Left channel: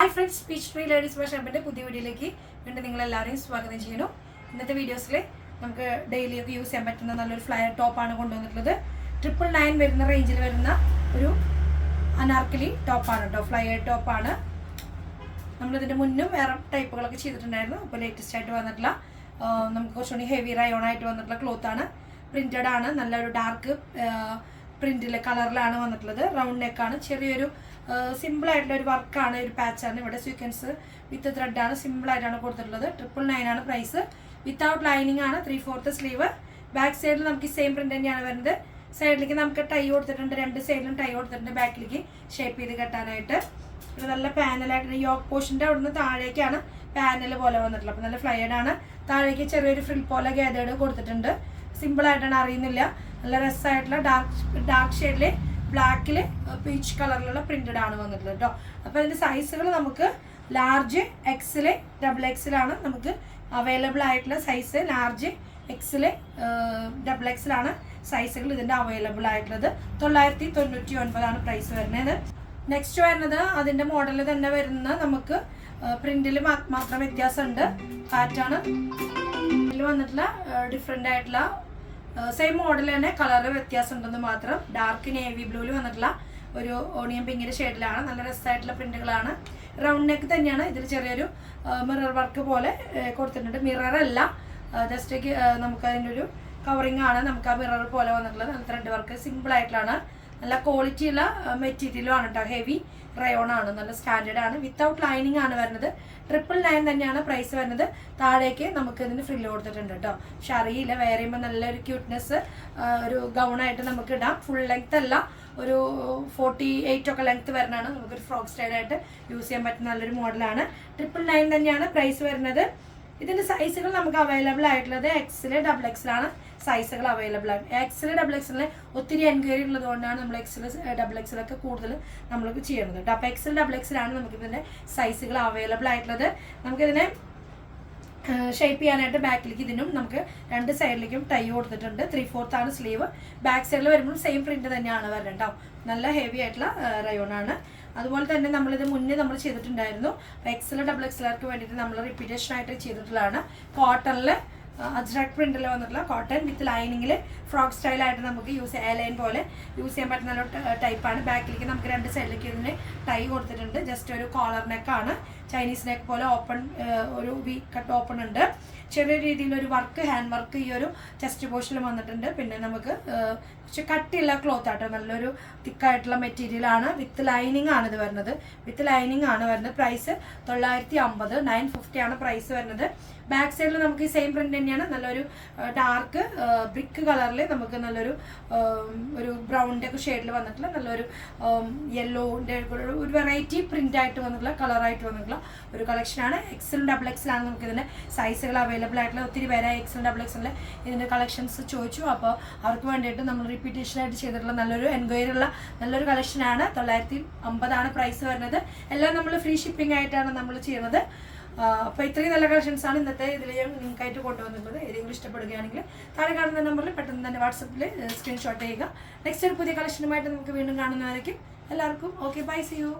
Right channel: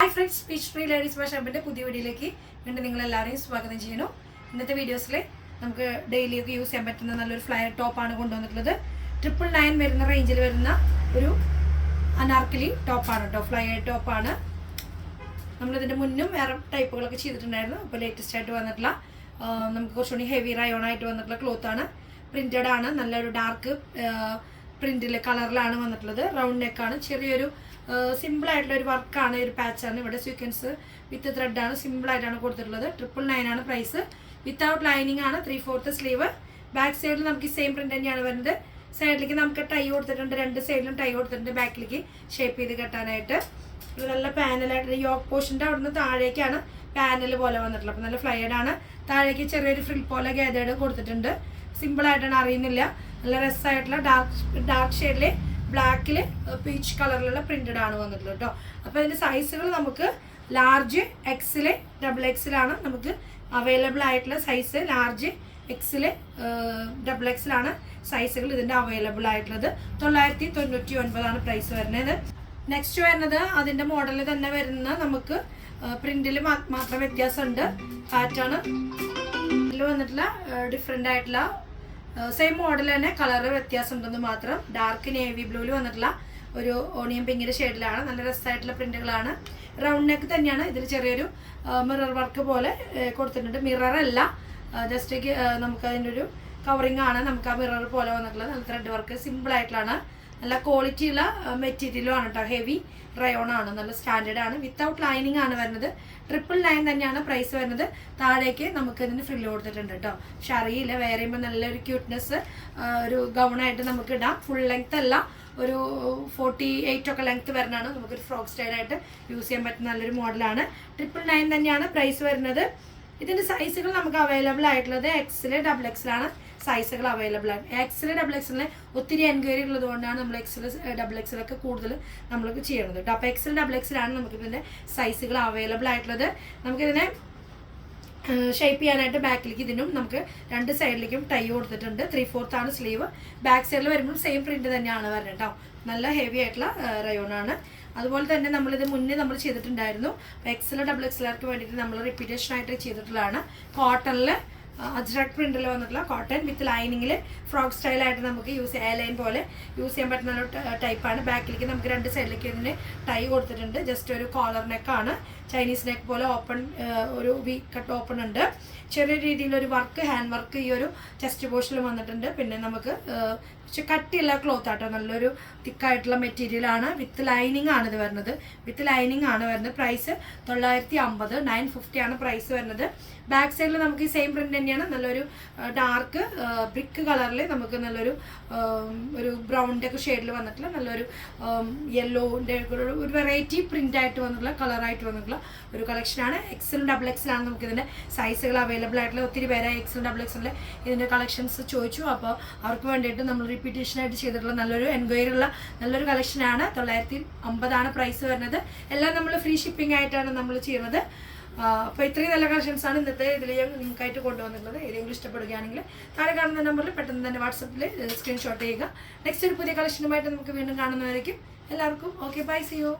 Hi friends, peach tree ladies ഫാഷൻ്റെ പുതിയ വീഡിയോയിലേക്ക് വീണ്ടും നിങ്ങളെല്ലാവരെയും സ്വാഗതം ചെയ്യുന്നു. ഇന്നത്തെ വീഡിയോസിൽ നമുക്ക് ഡെയിലിയൊക്കെ യൂസ് ചെയ്യാൻ പറ്റുന്ന നല്ലൊരു ഫ്ലയർ ടോപ്പാണ് കൊണ്ടുവന്നിട്ടുള്ളത്. 999 വരുന്ന റേഞ്ചിൽ വരുന്ന ഒരു അനാർക്കലി ടോപ്പാണ് കേട്ടോ, ഫ്ലയർ ടോപ്പാണ്. നമ്മളിതിൻ്റെ മുന്നും വേറെ ടൈപ്പുകളൊക്കെ ചെയ്തിട്ടുണ്ടായിരുന്നു. അപ്പോൾ ലേറ്റസ്റ്റ് ആയിട്ട് വന്നിട്ടുള്ള നമുക്ക് കുറച്ചുകൂടി ഹെവി റയോൺ ആയിട്ട് വന്നിട്ടുള്ള ക്ലോത്താണ്. പ്രിൻറ്റഡ് ആണ്, നല്ലൊരു ഡാർക്ക് പ്രിൻറ്റിൽ കളറിലാണ് വന്നിട്ടുള്ളത്. റൗണ്ട് നെക്കാണ്, ചെറിയൊരു സിമ്പിളായിട്ടുള്ള ഒരു വർക്കാണ്, ഒരു പാച്ചാണ്. ഇവിടെ സ്വീക്വൻസ് വിത്ത് ത്രെഡാണ്, സിമ്പിളായിട്ടാണ് കൊടുത്തിട്ടുള്ളത്. 999 ആണ് പ്രൈസ്. വിത്തൗട്ട് ലൈനിങ് ആണ്, 3/4 സ്ലീവ്. ബാക്ക് സൈഡിൽ നമുക്ക് സെയിം പ്രിന്റ് തന്നെയാണ് വരുന്നത്. സൈഡിലേക്ക് നമുക്ക് ടൈ കൊടുത്തിട്ടുണ്ട്, രണ്ട് സൈഡിലും ടൈ കൊടുത്തിട്ടുണ്ട്, ബാക്കിലേക്ക് ഷേപ്പ് ചെയ്ത് കെട്ടാനായിട്ട്. ഒരു നല്ല പാനലായിട്ട് യോക്ക് പോർഷൻ്റെ അവിടെ നിന്ന് താഴേക്കാണ് പാനൽ പോലെ വന്നിട്ടുള്ളത്. അപ്പോൾ നല്ല ഫ്ലയേഡ് ആണ്. താഴേക്ക് ചെറിയൊരു ഫ്രിൽ പോലെ ഗാദേർഡ് കൊടുത്തിട്ടുണ്ട്. സിമ്പിളായിട്ടാണ്, അറിയുന്നില്ല. നല്ല രസമായിട്ടുള്ള ഡാർക്ക് ഷെയ്ഡിൽ ബ്ലാക്കിൽ പീച്ച് കളറിലുള്ള പ്രിന്റഡ് ആണ് വന്നിട്ടുള്ളത് കേട്ടോ. അപ്പോൾ അതിൻ്റെ സൈസുകൾ നമുക്ക് ലാർജ്, എക്സില്, ഡബിൾ എക്സിലാണ് നമുക്ക് അവൈലബിൾ ആയിട്ടുള്ള സൈസ്. ലാർജ്, എക്സില്, ഡബിൾ എക്സിലാണ് സൈസുകൾ ഇതിൻ്റെ അവൈലബിൾ ആയിട്ടുള്ളത്. 999 പ്രൈസ് വരുന്നത്. നെക്സ്റ്റ് വരുന്നത് അതിൻ്റെ മോഡലിൽ തന്നെ വരുന്ന നമുക്ക് പ്രിന്റിൽ മാത്രം വ്യത്യാസമുണ്ട്. പാറ്റേൺ വന്നിട്ടുള്ള ഡിഫറെൻ്റ് ആയിട്ടുള്ള സെയിം മോഡൽ തന്നെ കളറ് വ്യത്യാസം ഉണ്ടെന്ന് മാത്രം. ഡാർക്ക് നേവി ബ്ലൂവിൽ വന്നിട്ടുള്ള ഒരു ഓണിയൻ പിങ്കിൻ്റെ ഷെയ്ഡിലാണ്. നല്ല രസമായിട്ടുള്ള പ്രിന്റുകളാണ്. റൗണ്ട് നെക്ക് തന്നെയാണ്. ഇതിൽ ചെറിയൊരു മിറർ വർക്ക് പോലെ കൊടുത്തിട്ടുണ്ട്. മിററല്ല, ജസ്റ്റ് നമുക്ക് അതിൻ്റെ ഒരു കവറിങ് ആണ്. നമുക്ക് ആ മിറർ പോലെ വന്നിട്ടുള്ളത്. നല്ല ത്രെഡ് വർക്ക്, സിമ്പിളായിട്ടുള്ളതാണ്. നല്ല ക്വാളിറ്റിയുള്ള മെറ്റീരിയലും ആണ് കേട്ടോ. ഹെവി റയോൺ ആണ്, നല്ല സ്റ്റാൻഡേർഡ് ആണ്. വിത്തൗട്ട് ലൈനിങ് ആണ് വരുന്നത്. 999 തന്നെയാണ് പ്രൈസ് വരുന്നത്. താഴേക്ക് നമുക്ക് ഇതിന് ഫ്രില്ല് കൊടുത്തിട്ടുണ്ട് കേട്ടോ. പക്ഷെ അറിയില്ല, വേറെ ചെയ്യുമ്പോൾ നല്ലൊരു ക്യൂട്ട്നെസ് ഒരു ഗൗണായിട്ട് നമുക്ക് ഇടാം. ഫുൾ ലെങ്ത് അല്ല, ഒരു 48 ഒക്കെ ലെങ്ത് വരുന്നതാണ്. നമുക്കൊരു ഫ്രോക്ക് സ്റ്റൈലായിട്ട് യൂസ് ചെയ്യാൻ പറ്റുന്ന നല്ലൊരു മോഡലാണ്. 999 തന്നെയാണ് പ്രൈസ് വരുന്നത്. ഇതിൻ്റെ സൈസുകൾ നമുക്ക് അവൈലബിൾ ആയിട്ടുള്ളത് എക്സിൽ, ഡബിൾ എക്സിലാണ് സൈസുകൾ അവൈലബിൾ ആണ്. എക്സിൽ, ഡബിൾ എക്സിൽ ഒത്തിരി എൻക്വയറി ഉള്ളത് കൊണ്ടാണ് നമ്മൾ എക്സിൽ, ഡബിൾ എക്സിലൊക്കെ കൂടുതൽ നമ്മൾക്ക് ചെയ്യുന്നത് കേട്ടോ. അപ്പോൾ എക്സിൽ, ഡബിൾ എക്സിലാണ് നമുക്ക് ഇതിൻ്റെ സൈസുകൾ അവൈലബിൾ ആയിട്ടുള്ളത്. നമുക്കിതിനെ ഷേപ്പ് ചെയ്യാനായിട്ട് ബാക്കിലേക്ക് ഇതിനും നമുക്ക് രണ്ട് സൈഡിലേക്കും ടൈ കൊടുത്തിട്ടുണ്ട്. 3/4 ആണ് സ്ലീവ്. ബാക്ക് സൈഡിൽ വരുമ്പോൾ സെയിം പ്രിന്റ് തന്നെയാണ് വരുന്നത് കേട്ടോ. നല്ല ഹെവി ആയിട്ടുള്ള റയോണാണ്. അതുപോലെ തന്നെ നമ്മളിത് മുന്നേ നമ്മൾ ചെയ്തിട്ടുണ്ടായിരുന്നു. എക്സൽ, ഡബിൾ എക്സലർക്ക് വേണ്ടിയിട്ട് നമ്മൾ റിപ്പീറ്റേഷൻ ആയിട്ട് ചെയ്തിട്ടുള്ളതാണ്. കോട്ടണിൽ അജ്രക് പ്രിന്റിൽ വന്നിട്ടുള്ള കോട്ടൺ വിത്ത് ലൈനിങ്ങിൽ ഫ്രോക്ക് സ്റ്റൈലായിട്ട് നമുക്ക് എ ലൈൻ പോലെ യൂസ് ചെയ്യാൻ പറ്റുന്ന ഒരു ടൈപ്പാണ്. ബാക്കിലേക്ക് നമുക്ക് രണ്ട് സൈഡിലേക്ക് ഇതിന് ടൈ കൊടുത്തിട്ടുണ്ട്. ജസ്റ്റ് ഒരു കോളർ നെക്കാണ്, ചൈനീസ് നെക്ക് പോലെ ഓപ്പൺ, ഒരു വി കട്ട് ഓപ്പൺ ഉണ്ട്. ചെറിയ രീതിയിലൊരു വർക്ക്, ഹാൻഡ് വർക്ക് ഈ ഒരു ചെസ്റ്റ് പോർഷനിൽ വന്നിട്ടുണ്ട്. പിന്നെ നമുക്ക് കട്ടിയുള്ള ക്ലോത്ത് ആട്ടോ, നല്ലൊരു തിക്കായിട്ടുള്ള മെറ്റീരിയലാണ്. വിത്ത് ലൈനിങ് ആണ് ഇത് വരുന്നത്. വിത്ത് ലൈനിങ് ആണ് വരുന്നത്. പ്രൈസ് 950, 950 ആണ് പ്രൈസ് വരുന്നത്. ബാക്ക് സൈഡിൽ നമുക്ക് ഈ സെയിം പ്രിന്റ് തന്നെയാണ്. നല്ലൊരു ഡാർക്ക് ബ്രിക്ക് കളറിൽ നമുക്ക് നല്ലൊരു ഒരു ബ്രൗണിൻ്റെ ഒക്കെ ഷെയ്ഡിൽ വന്നിട്ടുള്ള നല്ലൊരു യെല്ലോൻ്റെ ഒരു വെറൈറ്റി പ്രിന്റ് ആയിട്ട് വന്നിട്ടുള്ള കളറായിട്ട് വന്നിട്ടുള്ള ഒരു കളക്ഷനാണ്. എക്സലും ഡബിൾ എക്സലാണ് നമുക്ക് ഇതിൻ്റെ സൈസുകൾ അവൈലബിൾ ആയിട്ടുള്ള. ഒത്തിരി പേരെ എക്സലും ഡബിൾ എക്സലിൻ്റെ ഇതിൻ്റെ കളക്ഷൻസ് ചോദിച്ചു. അപ്പോൾ അവർക്ക് വേണ്ടിയിട്ട് നമ്മൾ റിപ്പീറ്റേഷനായിട്ട് ചെയ്തിട്ടുള്ള നല്ലൊരു എൻക്വയറി ഉള്ള നല്ലൊരു കളക്ഷനാണ്. 950 ആണ് പ്രൈസ് വരുന്നത്. എല്ലാം നമ്മൾ ഫ്രീ ഷിപ്പിംഗ് ആയിട്ടാണ് നമ്മൾ ചെയ്യുന്നത്. അപ്പോൾ ഇത്രയും നല്ല കളക്ഷൻസാണ് ഇന്നത്തെ ഇതിൽ ഞാൻ നിങ്ങൾക്കായിട്ട് കൊണ്ടുവന്നിട്ടുള്ളത്. ഏതെങ്കിലും ഇഷ്ടപ്പെടുകയാണെങ്കിൽ താഴെ കാണുന്ന നമ്പറിൽ പെട്ടെന്ന് തന്നെ വാട്സപ്പിൽ സ്ക്രീൻഷോട്ട് ചെയ്യുക. നെക്സ്റ്റ് ഒരു പുതിയ കളക്ഷനുമായിട്ട് നമുക്ക് വീണ്ടും കാണുന്നതായിരിക്കും. എല്ലാവർക്കും ഓക്കെ, ബൈ, സി യു.